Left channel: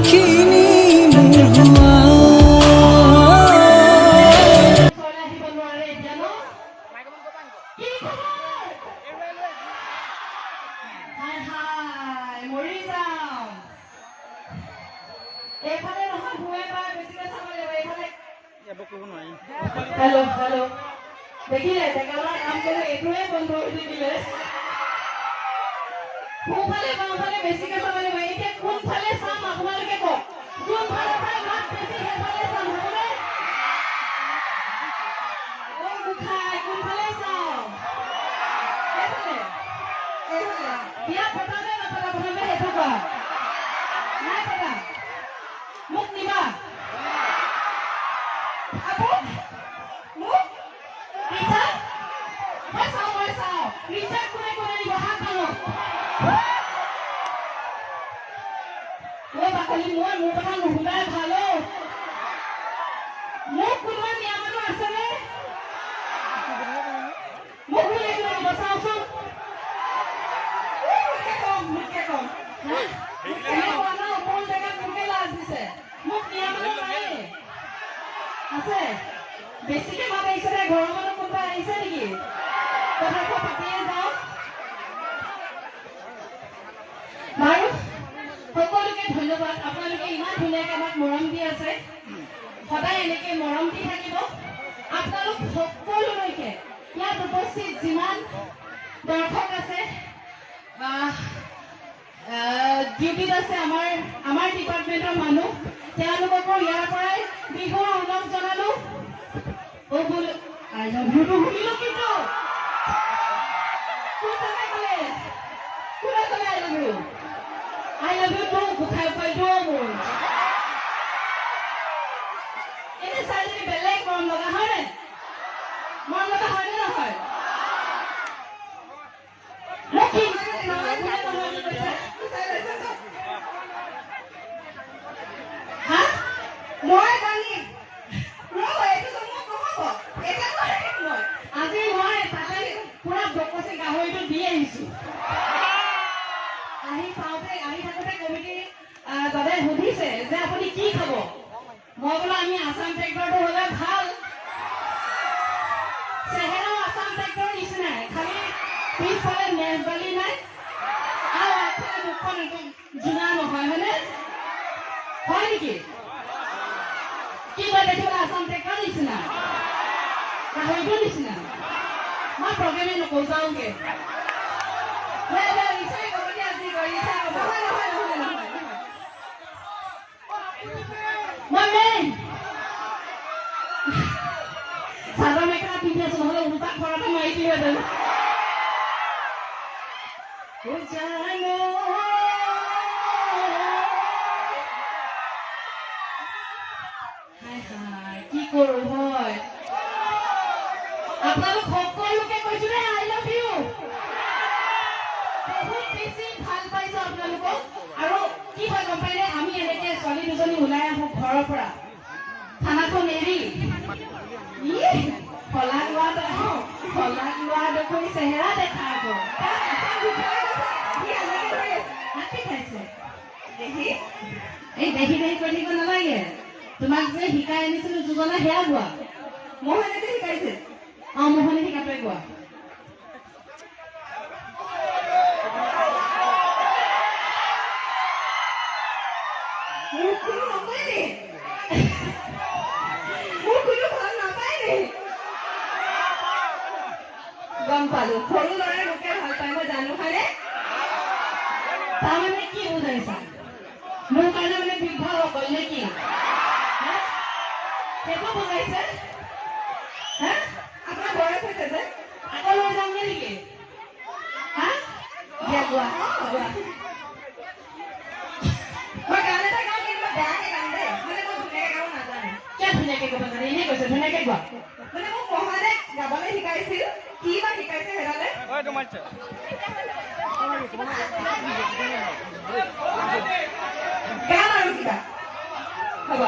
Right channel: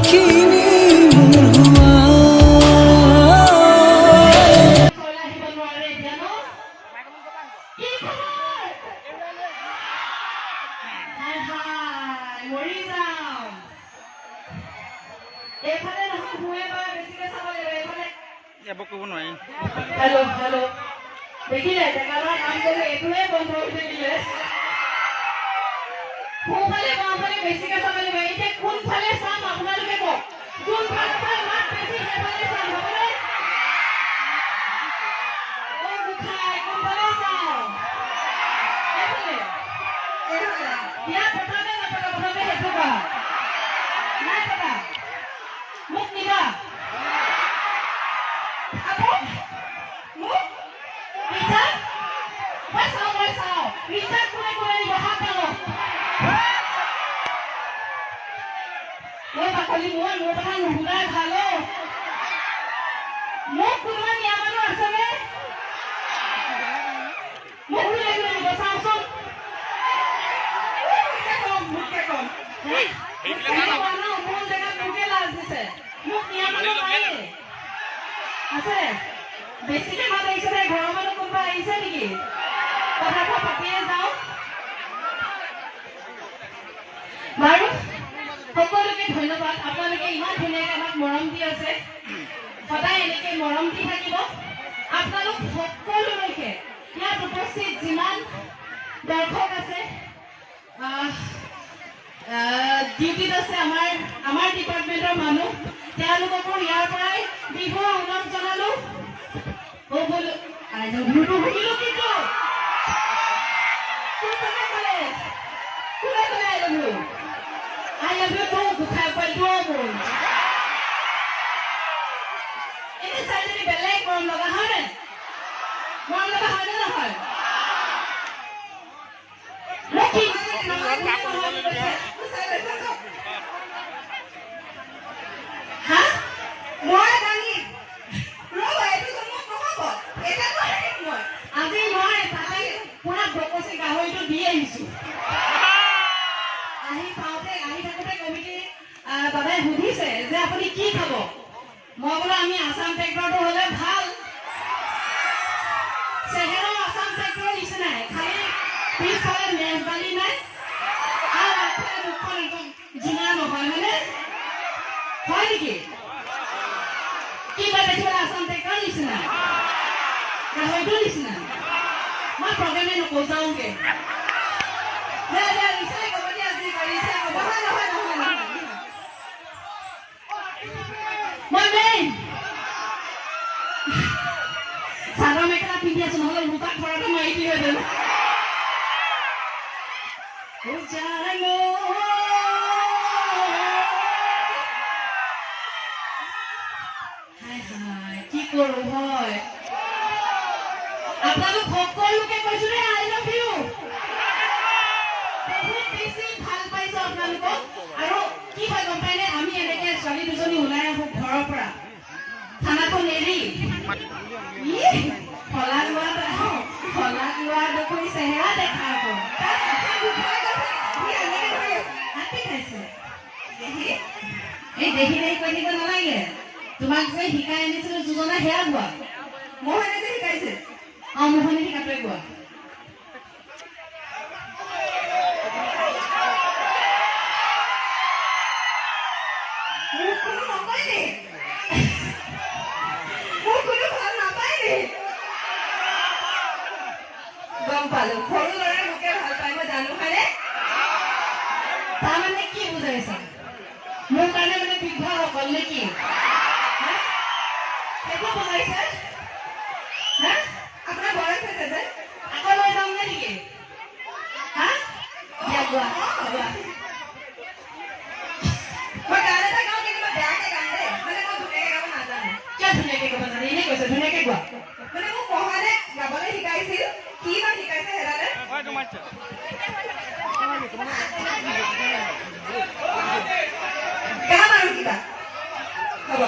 কথাখিনি মোৰ হোৱা हेलो हेलो देखिले डेकारा काम करे एतुए बंद হৈ থাকিলে কোনফালে বাওঁফালে বেছিকে চাব লাগিব এতিয়া কোনফালে চাম আপোনালোকে কওক কোনফালে মাত বেছি সেইফালে চাম হবনে ও গুখাই কোনফালে চাও এইফালে দিয়া পঠাবে না পঠাবে হেতুকা নাই পঠা মোক নিবা আপো মোক পিছা মই চাও পিছা কোনে কোনে বহা পালো মই বাকলি মই মোৰ কথা নুশুনাই ভালো মোক কোনোবা নিয়া মানুহ আছেনে মোক লাগিলে বচাওচোন মোকে কম কোন জেগাত মোকে লাজ দিছে মোক নিয়া মানুহ নাই আছে বেছিকে মাত আহিছে নে ঘৰৰ মানুহ কোনোবা আহিছে নেকি কথাটো পাতিয়ে যাওঁ বাৰু সকলোকে ধন্যবাদ আপোনালোকে ইমান ধুনীয়াকৈ আমাক মৰম দি আছে সদায় এনেকৈ মৰম দি থাকিব আপোনালোক সকলোলৈকে ইয়াত উপস্থিত যিমান দৰ্শক আছে ডিউটিত আছে আমাৰ ডিপাৰ্টমেণ্টৰ মানুহ তেওঁলোককো ইয়াৰ পৰাই বিহুৰ অনুৰোধ জনালো বোলো আই লভ ইউটো শুনিলো কিন্তু কোনে ক'লে I love you I love you too, Bukhai Paldo. Ini saya jadi belek mau laga hane na hoy. Leki. Ha? Moi dani. Ro etu tomo kohabo. Eta kore moi. Aji moi takai pura bokosi gahoitu di ahisu. আহি থাকোঁতে committee দাদাই সুধিছে যে আপুনি কি খাব মই বোলো আমি আসাম ট্ৰেক্টৰটো হ'লে ভাল চেহেৰা আসাম ট্ৰেক্টৰ নিচিনাই খালি পিছফালে মেজবালি নাই আৰু আগফালে মুখখন একদম জোনা নহয় হয়নে হয় নেকি কি কয় দেখিবলৈ আসাম ট্ৰেক্টৰ নিচিনা গাহৰিটোৰ নিচিনা মই প্ৰগ্ৰেমে নকওঁ যাওঁগে চাদৰ মেখেলা পিন্ধি আছো নহলে উল্টা খৰাটো মাৰি দিলে কি কৰো হয় আপোনালোক সকলোকে কৈছো ৰে আই লাভ ইউ বহুত বেছি ভাল পাইছো আপোনালোকক আৰু কি হয় গম পাইনে আমি এনেকে ছোৱালী দুজনী ওলাই আহো ঘৰৰ পৰা থানাখন এৰি ফলাক লোৱা দেখোন চেহেৰা দেখা আকৌ এই দেখি কৈ থাকিব নালাগে তোমাক যে শিকাই আনিছিলো যোজনা সেয়া গোৱা মোহনে যে শিকাইছে মোহনে শিকাটোৱে গোৱা গম পালো সৰু ল'ৰাই মোকে ভাল পাই মই জানো হয়নে তাৰমানে কি বুজাইছা মোৰ কাৰণে মানে বিঘৰ অকল নে কি সেইটো বুজাইছে আপোনাৰ বয়স হৈছে যে আকৌ লৈ যাওঁ নে নেকি দিয়া গোৱা মই গান এটা গাওঁ কিন্তু বেয়াকে গাম দেই মানে মই ধুনীয়াকে গাব নাজানো কিয় ধুনীয়াকে গাব নাজানো এনেই কৈছে ধুনীয়াকে গোৱা মানে মোক মহানে গাবলৈ শিকাইছিল কি বা শিকাইছে হেৰালে গান আৰু কিবা হ'ব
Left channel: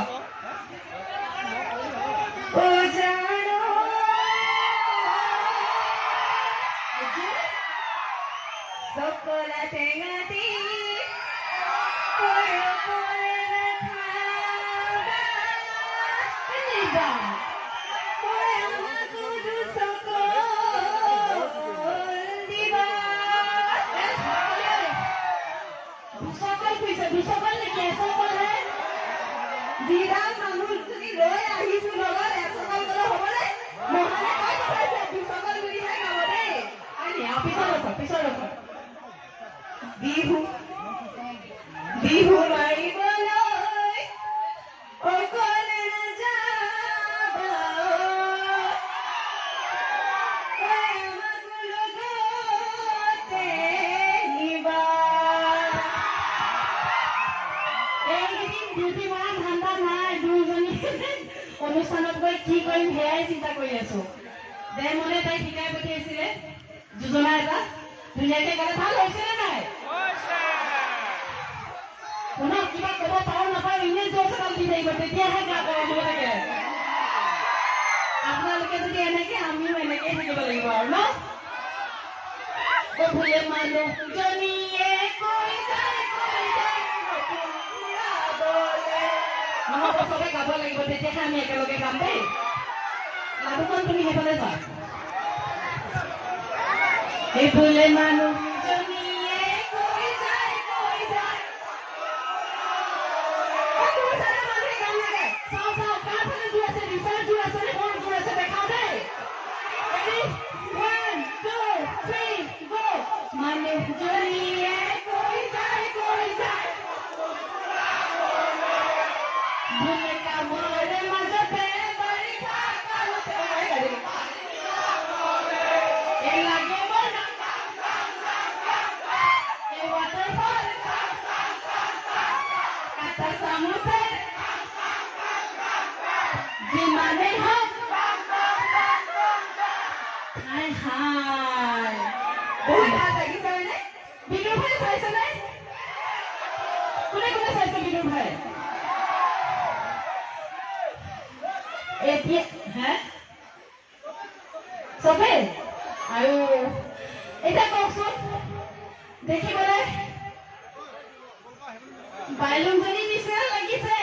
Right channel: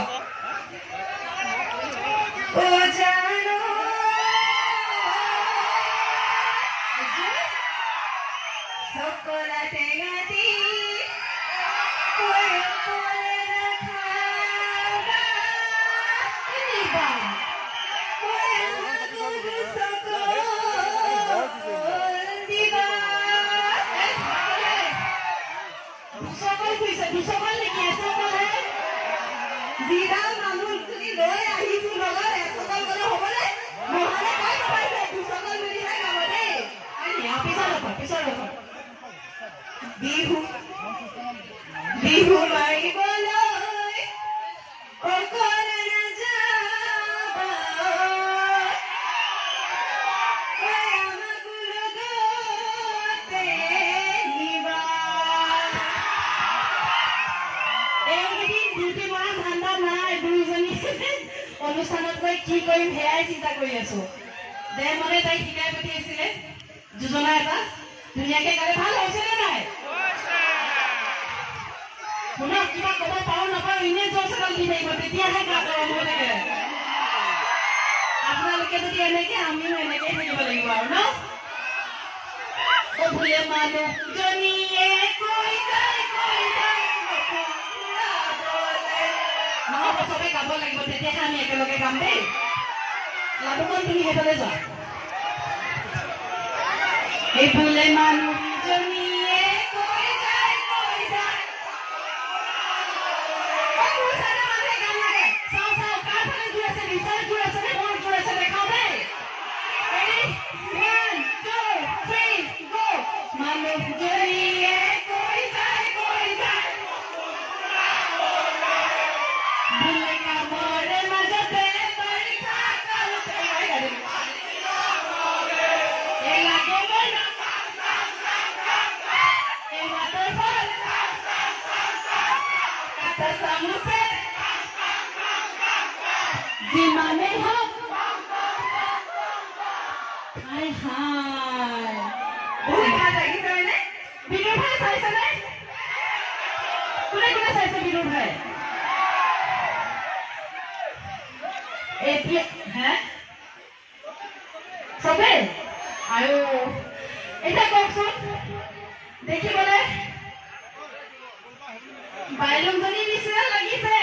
বিহু বিহু মাৰিবলৈ অকলে নাযাব আমাক লগতে নিবা এইকেইদিন ডিউটি মৰা ধান্দা নাই দুইজনী অনুষ্ঠানত গৈ কি কৰিম সেয়াই চিন্তা কৰি আছো দে মনে তাই শিকাই পঠিয়াইছিলে যোজনা এটা ধুনীয়াকে গালে ভাল হৈছেনে নাই শুনক কিবা ক'ব পাৰো নাপাৰো ইনে জোৰ এডাল দি থাকিব তেতিয়াহে গা গৰম হৈ থাকে আপোনালোকে যদি এনেকে আমিও এনেকেই থাকিব লাগিব আৰু ন বোলে মানুহজনীয়ে কৈ যায় নহ'ব চবে গাব লাগিব তেতিয়াহে আমি একেলগে গাম দেই লাভখন তুমি সেইফালে যোৱা এই বোলে মানুহজনীয়ে কৈ যায় মানুহে গান লাগে চাওঁ কাৰ ফালে জোৰ আছে বিচাৰ জোৰ আছে নে মোৰ জোৰ আছে দেখাও দেই Ready? 1, 2, 3, go! মানুহজনীয়ে কৈ যায় বোলে কামৰে মাজতে বাৰিষা কালতে এই লাগিব এই ৱাটাৰফল কাটা চামুচে যিমানেই হওক হাই হাই বহুত ভাল লাগিছে হয়নে বিনুৰ ভাই চাইছেনে কোনে কোনে চাইছে বিনুৰ ভাই এতিয়া হে চবে আৰু এতিয়া কওকচোন দেখিবলৈ বাইলুংজনীৰ নিচিনা লাগিছে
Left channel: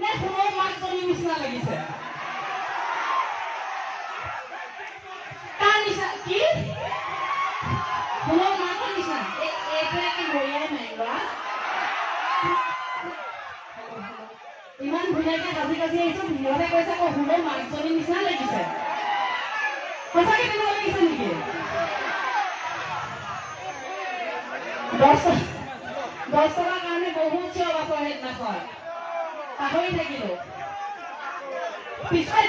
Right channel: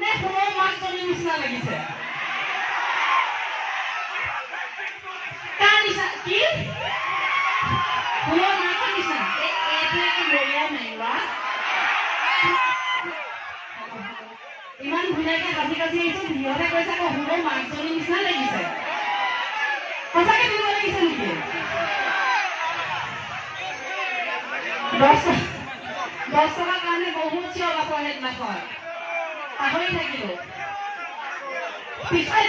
নে সোণৰ মাকজনীৰ নিচিনা লাগিছে কাৰ নিচিনা কি সোণৰ মাকৰ নিচিনা এইবিলাকে মৰিয়াই মাৰিবা ইমান ধুনীয়াকে সাজি কাজি আহিছো সিহঁতে কৈছে আকৌ সোণৰ মাকজনীৰ নিচিনা লাগিছে সঁচাকে তেনেকুৱা লাগিছে নেকি 10 টকাৰ কাৰণে বহুত চিঞৰ বাখৰ সেইদিনাখন পাহৰি থাকিলো পিছাই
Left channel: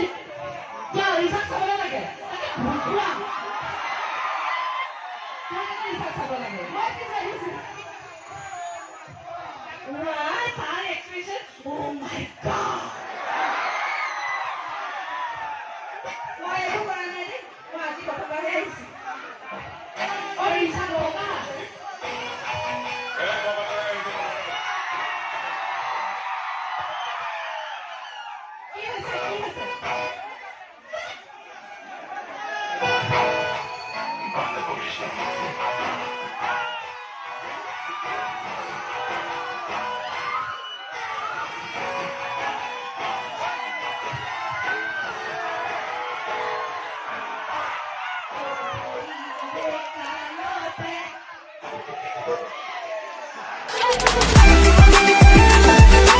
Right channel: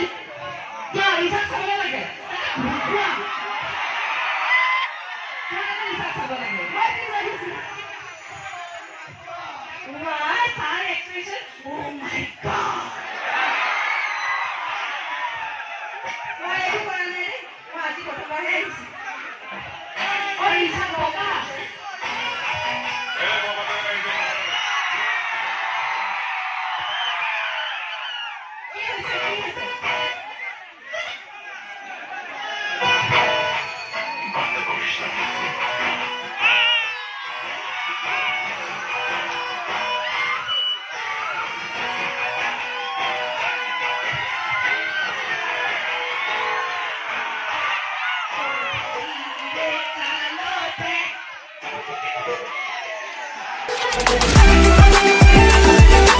কিয় ৰিজাল্ট চাবলৈ লাগে ভুকুৱা ৰিজাল্ট চাব লাগে তাৰ এক্সপ্ৰেছন Oh my God! মই একো কৰা নাই দেই মই আজি প্ৰথমবাৰহে আহিছো ৰিজাল্ট বগা Thank you.